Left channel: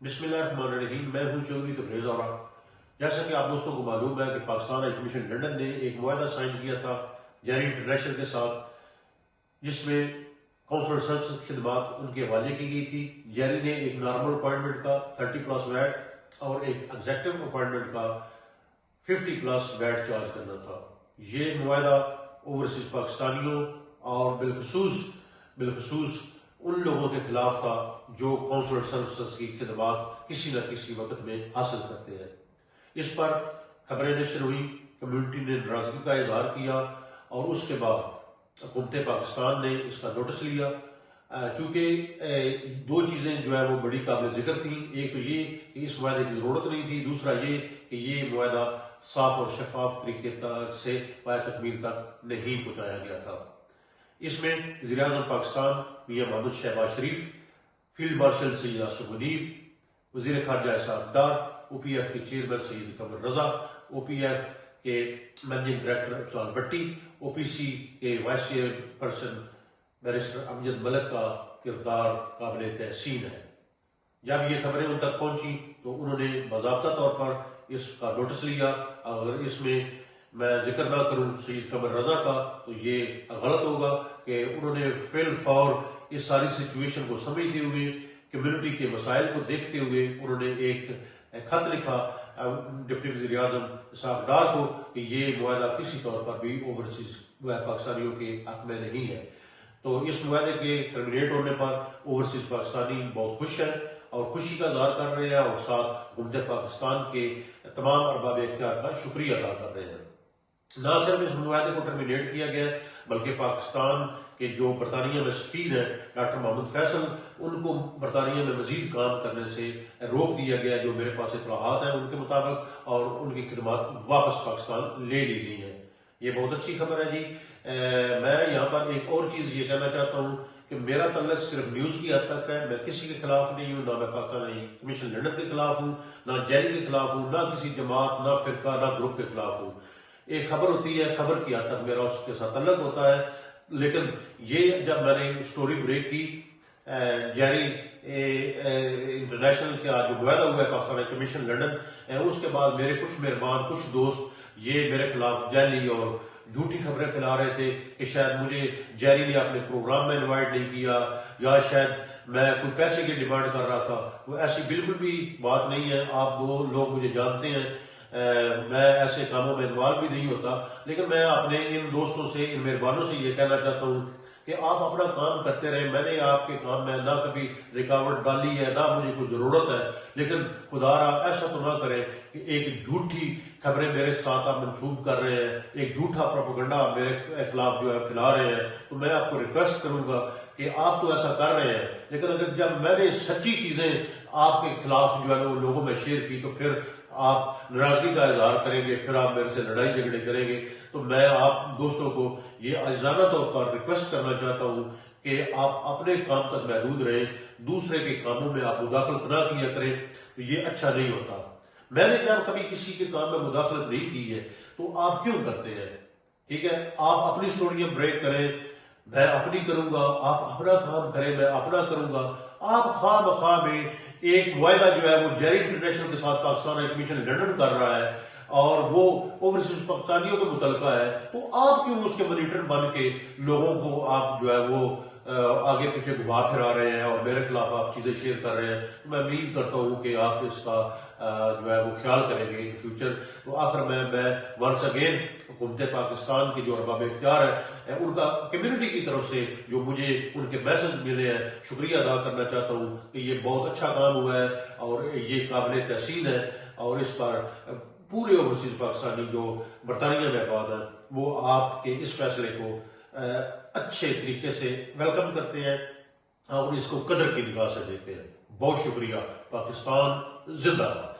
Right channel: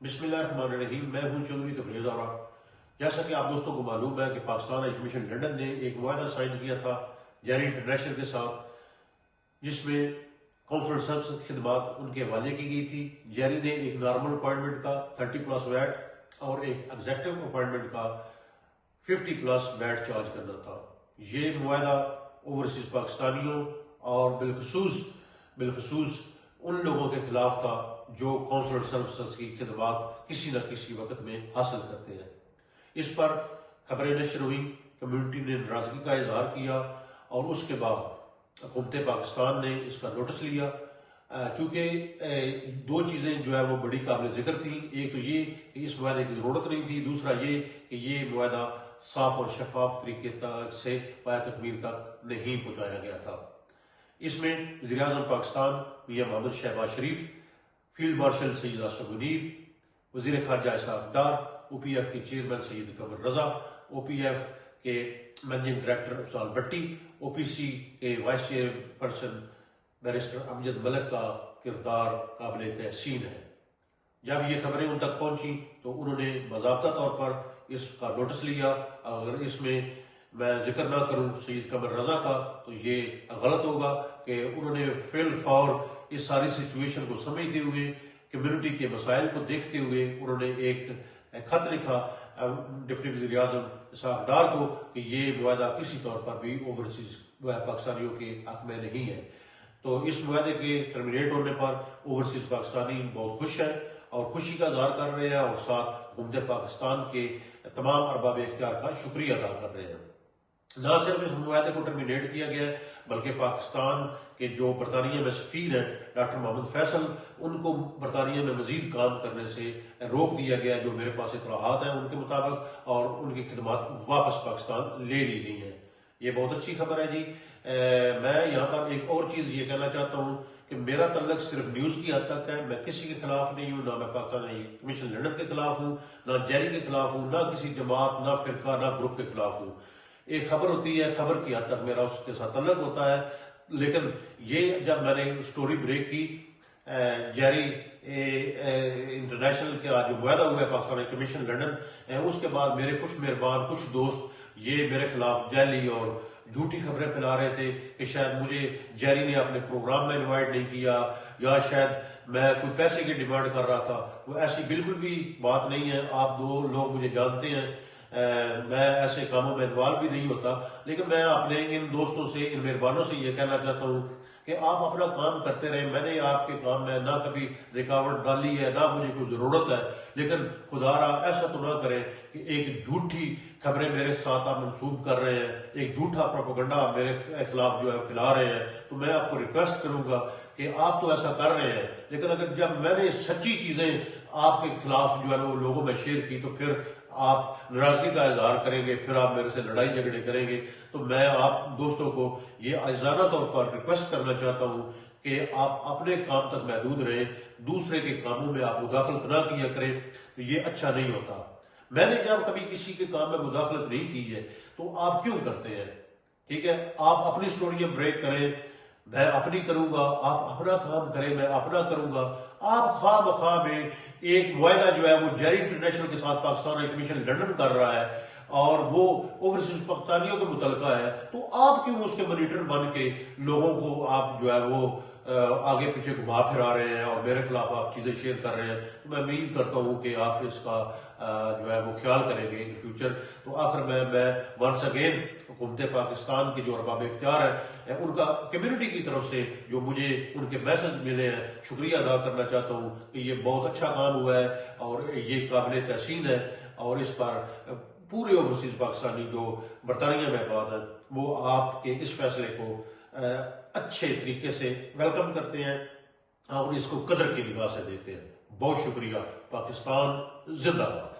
بسم اللہ الرحمن الرحیم. میں ہوں چودھری تبریز اورا. جیسا کہ آپ دوستوں کو معلوم ہے کہ پاکستان ہائی کمیشن لنڈن نے ایک معاہدہ سائن کیا تھا جیری انٹرنیشنل کے ساتھ، جس میں کانسولر سروس خدمات ان کے حوالے کی گئی تھی. جیری نے ایک نارمل اپائنٹمنٹ کا 30+ ویٹ اور ایک ایگزیکٹو اپائنٹمنٹ کا 50+ ویٹ چارج کرنا تھا. یہ معاہدہ اوورسیز پاکستانیوں اور بالخصوص ان لوگوں کے خلاف تھا جو کانسولر سروسز کی خدمات کسی نہ کسی وقت میں حاصل کرتے ہیں. اس پر خبریں نشر ہوئی، کمیونٹی نے ناراضگی کا اظہار کیا اور اس کے بعد حکومت پاکستان نے اس کا نوٹس لیا. چونکہ دو چیزیں جو ہے وہ بڑی قابل ذکر تھیں. ایک تو یہ کہ اس معاہدے کی ضرورت نہیں تھی، دوسرا یہ کہ یہ معاہدہ صاف اور شفاف طریقے سے پایہ تکمیل تک نہیں پہنچایا گیا تھا. اس میں وزیر اعظم پاکستان میاں محمد شہباز شریف، فیلڈ مارشل سید اشرف غنی، وزیر خارجہ اسحاق ڈار، او پی ایف کے چیئرمین سید قمر رضا، او پی ایف کے مینیجنگ ڈائریکٹر افضال بٹی، او پی سی کے وائس چیئرپرسن بیرسٹر امجد ملک کا کردار قابل تحسین ہے. جب یہ خبریں ان تک پہنچی تو انہوں نے باضابطہ طور پر اس کا نوٹس لیا. اگر اس میں میں ذکر نہ کروں سید قمر رضا کا تو یہ غلط ہوگا کہ انہوں نے فی الفور اس ساری سچویشن کو سمجھتے ہوئے، کمیونٹی کے مسائل کو دیکھتے ہوئے انہوں نے ایک خط لکھا ڈپٹی وزیر اعظم اسحاق ڈار کو کہ یہ معاہدہ کسی طور پر بھی اوورسیز پاکستانیوں کے حق میں نہیں ہے. تو اس معاہدے کے ٹرمینیٹ ہونے پر اوورسیز پاکستانی بہت خوش ہیں اور خوشی کا اظہار کر رہے ہیں اور ساتھ حکومت پاکستان کے تمام ارباب اختیار کا شکریہ ادا کر رہے ہیں. نہ صرف اس معاہدے کو ٹرمینیٹ کیا گیا بلکہ پاکستان کے جو برطانیہ میں سفیر ہیں ڈاکٹر محمد فیصل، ان کو برطانیہ میں مزید کام کرنے سے روک دیا گیا. جو میرے پاس اطلاعات ہیں ان کے مطابق، اور ان کی خدمات واپس پاکستان لے لی گئی ہیں. یہ بہت اچھی خبر ہے جی. میں یہاں پر ایک اور چیز یہ کہنا چاہتا ہوں کہ میرا تعلق صرف نیوز کی حد تک ہے. میں کسی کے خلاف نہیں ہوں، نہ میں پاکستان کمیشن لنڈن کے خلاف ہوں، نہ جیری کے خلاف ہوں، نہ کسی جماعت، نہ فرقہ، نہ گروپ کے خلاف ہوں. ایک خبر ہوتی ہے، خبر کی حد تک میرا اس کے ساتھ تعلق ہوتا ہے. لیکن یہ جب میں نے سٹوری بریک کی جیری انٹرنیشنل کا جو معاہدہ ہوا ہے پاکستان کمیشن لنڈن، اس کے بعد میرے کچھ مہربان، کچھ دوست یہ میرے خلاف جعلی اور جھوٹی خبریں پھیلا رہے تھے کہ شاید مجھے جیری نے اپنے پروگرام میں انوائٹ نہیں کیا یا شاید میں کوئی پیسے کی ڈیمانڈ کر رہا تھا. تو ایسی بالکل بھی بات نہیں ہے. آپ دو لوگ مجھے جانتے ہیں، میں ایسے کاموں میں انوالو بھی نہیں ہوتا. لیکن میں اپنے ان دوستوں سے، ان مہربانوں سے یہ کہنا چاہتا ہوں کہ آپ اپنا کام کرتے رہیں. میں نے آپ کے کام میں نہ کبھی رکاوٹ ڈالی ہے، نہ مجھے کوئی ضرورت ہے. لیکن خدا را ایسا تو نہ کریں کہ ایک جھوٹی خبریں میرے ساتھ آپ منسوب کر رہے ہیں، ایک جھوٹا پروپیگنڈا میرے خلاف جو ہے پھیلا رہے ہیں. تو میں آپ کو ریکویسٹ کروں گا کہ آپ تو ایسا کر رہے ہیں، لیکن اگر جب میں نے سچی چیزیں آپ کے خلاف جو ہے نا وہ لوگوں میں شیئر کی تو پھر آپ ناراضگی کا اظہار کریں گے، پھر آپ میرے سے لڑائی جھگڑے کریں گے. تو میں آپ دوستوں کو یہ عاجزانہ طور پر ریکویسٹ کرنا چاہتا ہوں کہ آپ اپنے کام تک محدود رہیں، دوسرے کے کاموں میں آپ مداخلت نہ کیا کریں. تو یہ اچھا نہیں ہوتا. میں نے جب کبھی کسی کے کام میں مداخلت نہیں کی ہے تو آپ کیوں کرتے ہیں؟ ٹھیک ہے، آپ اپنی سٹوریاں بریک کریں، میں اپنی کروں گا. آپ اپنا کام کریں، میں اپنا کروں گا. آپ خواہ مخواہ میں ایک معاہدہ جو ہے وہ جیری انٹرنیشنل کے ساتھ پاکستان ہائی کمیشن لنڈن کر رہا ہے اور وہ اوورسیز پاکستانیوں کو متعلقہ ہے، تو آپ کیوں اس کے مانیٹر بن کے لوگوں کو آپ جو ہے وہ آگے پیچھے گھما پھرا رہے ہیں اور میرے خلاف آپ چیزیں شیئر کر رہے ہیں؟ تو میں امید کرتا ہوں کہ آپ اس کا جو ہے وہ خیال کریں گے ان فیوچر. تو آخر میں ونس اگین حکومت پاکستان کے جو ارباب اختیار ہیں ان کا کمیونٹی کی طرف سے جو مجھے ان کے میسج ملے ہیں شکریہ ادا کرنا چاہتا ہوں کہ یہ بہت اچھا کام ہوا ہے اور یہ قابل تحسین ہے. اور اس پر پورے اوورسیز پاکستانی جو برطانیہ میں آباد ہیں وہ آپ کے اس فیصلے کو اچھے طریقے سے ویلکم کرتے ہیں اور اس کو قدر کی نگاہ سے دیکھتے ہیں. بہت شکریہ. پاکستان زندہ باد.